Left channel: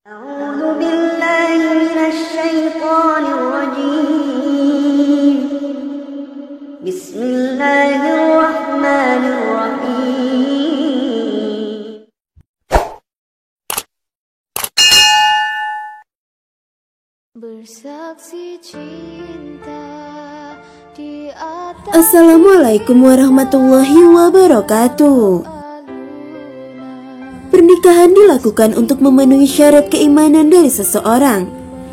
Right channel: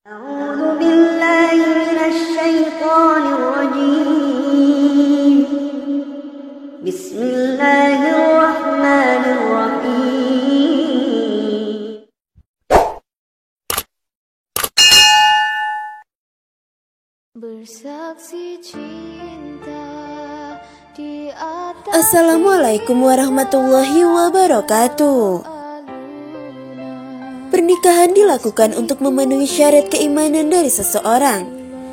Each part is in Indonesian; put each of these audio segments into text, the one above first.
أعوذ بالله من الشيطان الرجيم بسم الله الرحمن الرحيم Bersaksi cinta di atas Assalamualaikum warahmatullahi wabarakatuh. Pernikahan dilakukan untuk memenuhi syarat keimanan dari seseorang.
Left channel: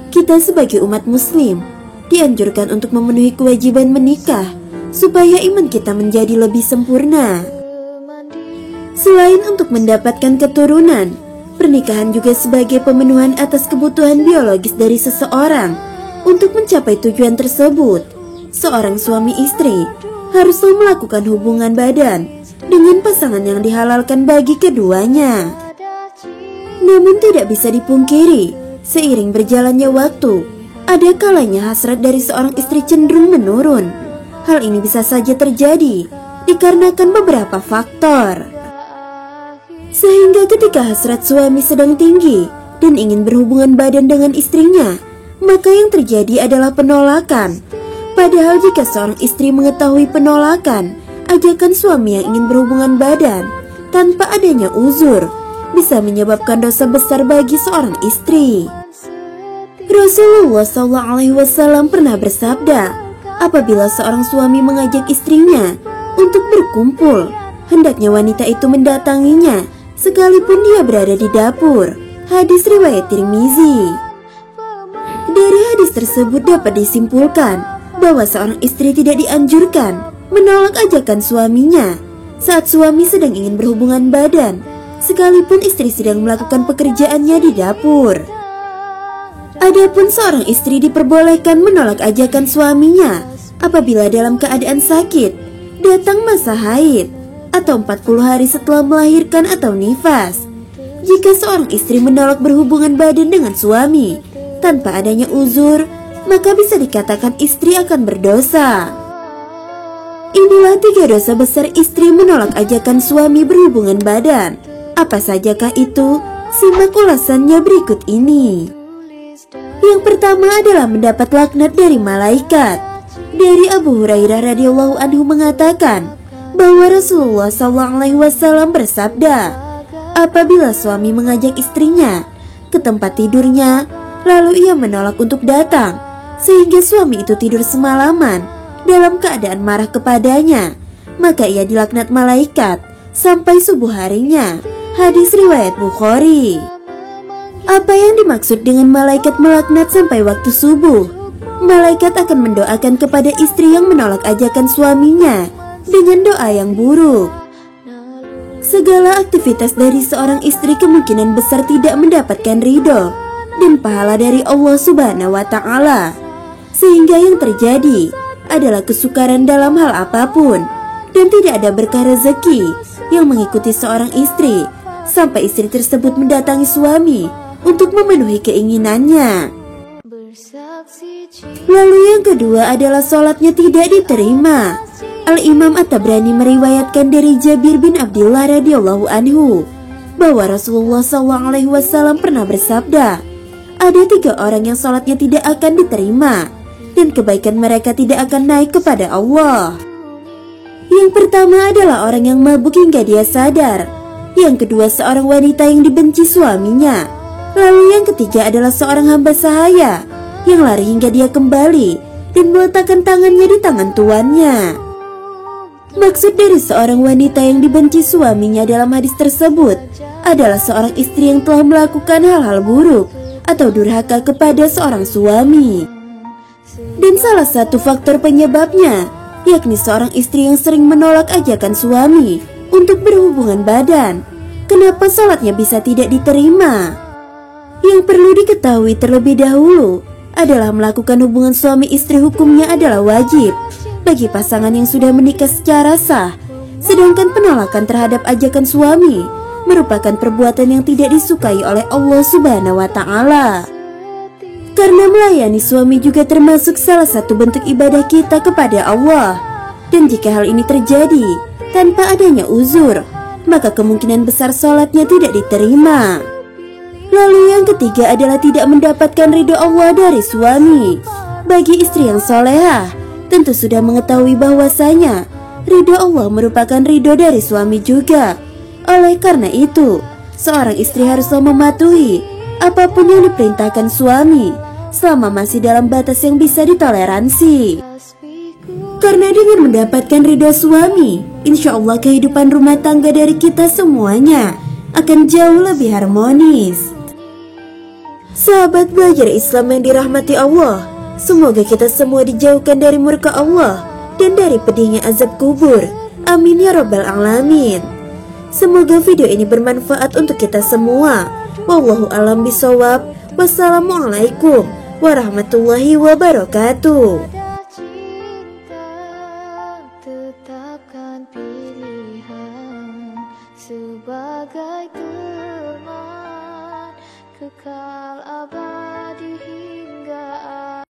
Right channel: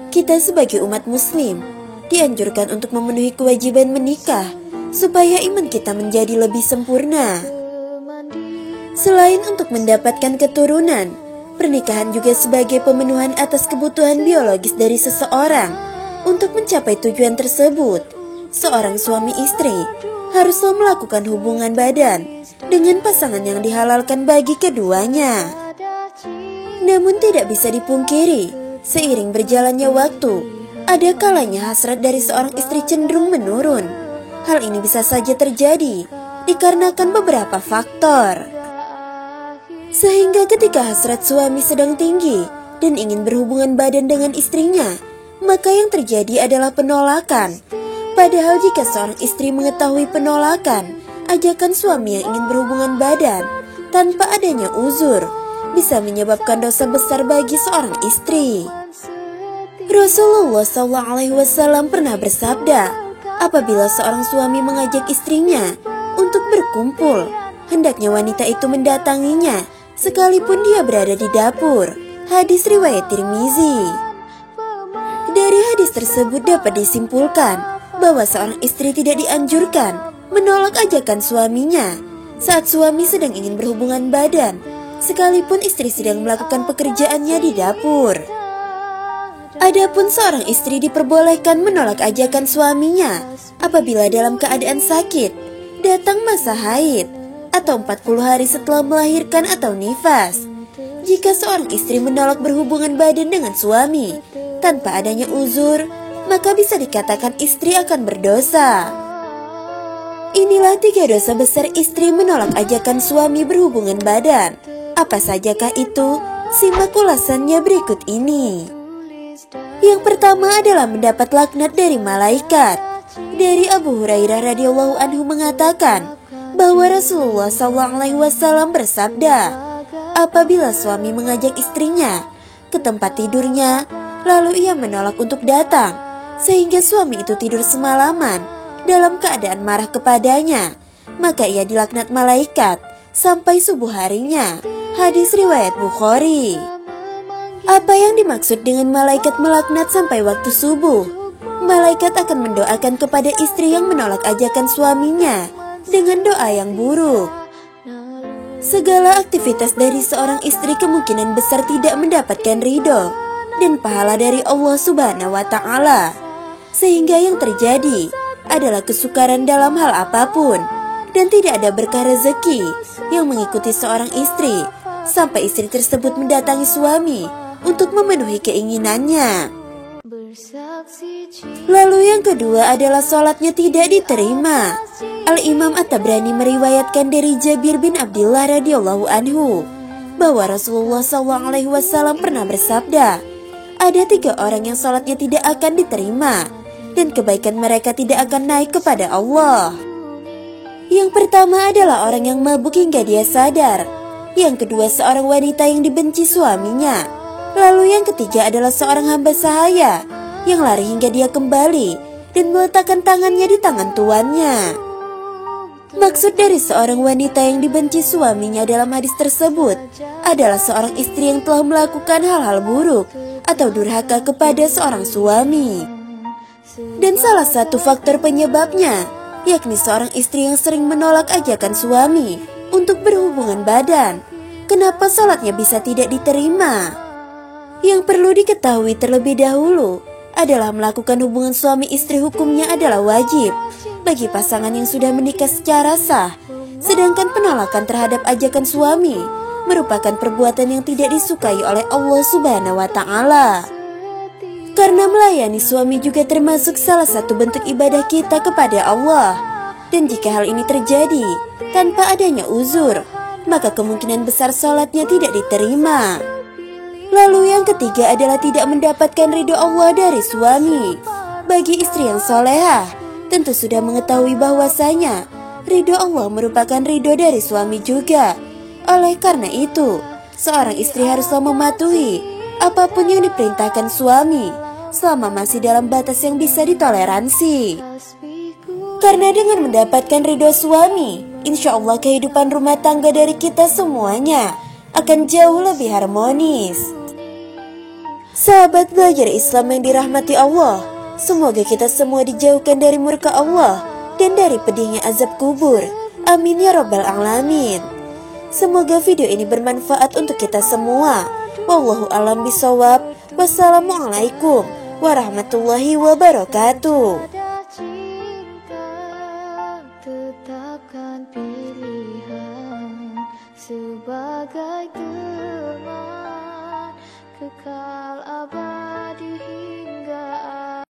Kita sebagai umat muslim dianjurkan untuk memenuhi kewajiban menikah supaya iman kita menjadi lebih sempurna. Selain untuk mendapatkan keturunan, pernikahan juga sebagai pemenuhan atas kebutuhan biologis dari seseorang. Untuk mencapai tujuan tersebut, seorang suami istri haruslah melakukan hubungan badan dengan pasangan yang dihalalkan bagi keduanya. Namun tidak bisa dipungkiri, seiring berjalannya waktu, ada kalanya hasrat dari seorang istri cenderung menurun. Hal ini bisa saja terjadi dikarenakan beberapa faktor. Sehingga ketika hasrat suami sedang tinggi dan ingin berhubungan badan dengan istrinya, maka yang terjadi adalah penolakan. Padahal jika seorang istri mengetahui penolakan ajakan suami yang ingin berhubungan badan tanpa adanya uzur, bisa menyebabkan dosa besar bagi seorang istri. Rasulullah SAW pernah bersabda, apabila seorang suami mengajak istrinya untuk berkumpul, hendaknya wanita itu mendatanginya sekalipun dia berada di dapur. Hadis riwayat Tirmizi. Dari hadis tersebut dapat disimpulkan bahwa seorang istri tidak dianjurkan menolak ajakan suaminya saat suami sedang ingin berhubungan badan, sekalipun istri sedang melakukan pekerjaannya di dapur. Adapun seorang istri diperbolehkan menolak ajakan suaminya apabila dalam keadaan sakit, datang masa haid, atau 40 hari setelah melahirkan atau nifas. Jika seorang istri menolak berhubungan badan dengan suami tanpa adanya uzur, maka bisa dikatakan istri akan berdosa. Inilah 3 dosa besar istri menolak ajakan suami berhubungan badan. Apa sajakah itu? Simak ulasannya berikut ini. Yang pertama adalah mendapat laknat dari malaikat. Dari Abu Hurairah radhiyallahu anhu mengatakan bahwa Rasulullah SAW bersabda, apabila suami mengajak istrinya ke tempat tidurnya, lalu ia menolak untuk datang, sehingga suami itu tidur semalaman dalam keadaan marah kepadanya, maka ia dilaknat malaikat sampai subuh harinya. Hadis riwayat Bukhari. Apa yang dimaksud dengan malaikat melaknat sampai waktu subuh? Malaikat akan mendoakan kepada istri yang menolak ajakan suaminya dengan doa yang buruk. Segala aktivitas dari seorang istri kemungkinan besar tidak mendapatkan ridho dan pahala dari Allah Subhanahu wa Ta'ala, sehingga yang terjadi adalah kesukaran dalam hal apapun, dan tidak ada berkah rezeki yang mengikuti seorang istri sampai istri tersebut mendatangi suami untuk memenuhi keinginannya. Lalu yang kedua adalah sholatnya tidak diterima. Al-Imam At-Tabrani meriwayatkan dari Jabir bin Abdullah radhiyallahu anhu bahwa Rasulullah SAW pernah bersabda, ada 3 orang yang sholatnya tidak akan diterima dan kebaikan mereka tidak akan naik kepada Allah. Yang pertama adalah orang yang mabuk hingga dia sadar. Yang kedua seorang wanita yang dibenci suaminya. Lalu yang ketiga adalah seorang hamba sahaya yang lari hingga dia kembali dan meletakkan tangannya di tangan tuannya. Maksud dari seorang wanita yang dibenci suaminya dalam hadis tersebut adalah seorang istri yang telah melakukan hal-hal buruk atau durhaka kepada seorang suami. Dan salah satu faktor penyebabnya yakni seorang istri yang sering menolak ajakan suami untuk berhubungan badan. Kenapa salatnya bisa tidak diterima? Yang perlu diketahui terlebih dahulu adalah melakukan hubungan suami istri hukumnya adalah wajib bagi pasangan yang sudah menikah secara sah. Sedangkan penolakan terhadap ajakan suami merupakan perbuatan yang tidak disukai oleh Allah Subhanahu wa Ta'ala. Karena melayani suami juga termasuk salah satu bentuk ibadah kita kepada Allah. Dan jika hal ini terjadi tanpa adanya uzur, maka kemungkinan besar sholatnya tidak diterima. Lalu yang ketiga adalah tidak mendapatkan ridho Allah dari suami. Bagi istri yang solehah, tentu sudah mengetahui bahwasanya ridho Allah merupakan ridho dari suami juga. Oleh karena itu, seorang istri haruslah mematuhi apapun yang diperintahkan suami selama masih dalam batas yang bisa ditoleransi. Karena dengan mendapatkan ridho suami, insya Allah kehidupan rumah tangga dari kita semuanya akan jauh lebih harmonis. Sahabat belajar Islam yang dirahmati Allah, semoga kita semua dijauhkan dari murka Allah dan dari pedihnya azab kubur. Amin ya rabbal alamin. Semoga video ini bermanfaat untuk kita semua. Wallahu a'lam bishawab. Wassalamualaikum warahmatullahi wabarakatuh. Ada cinta, tetapkan pilihan sebagai teman kekal abadi.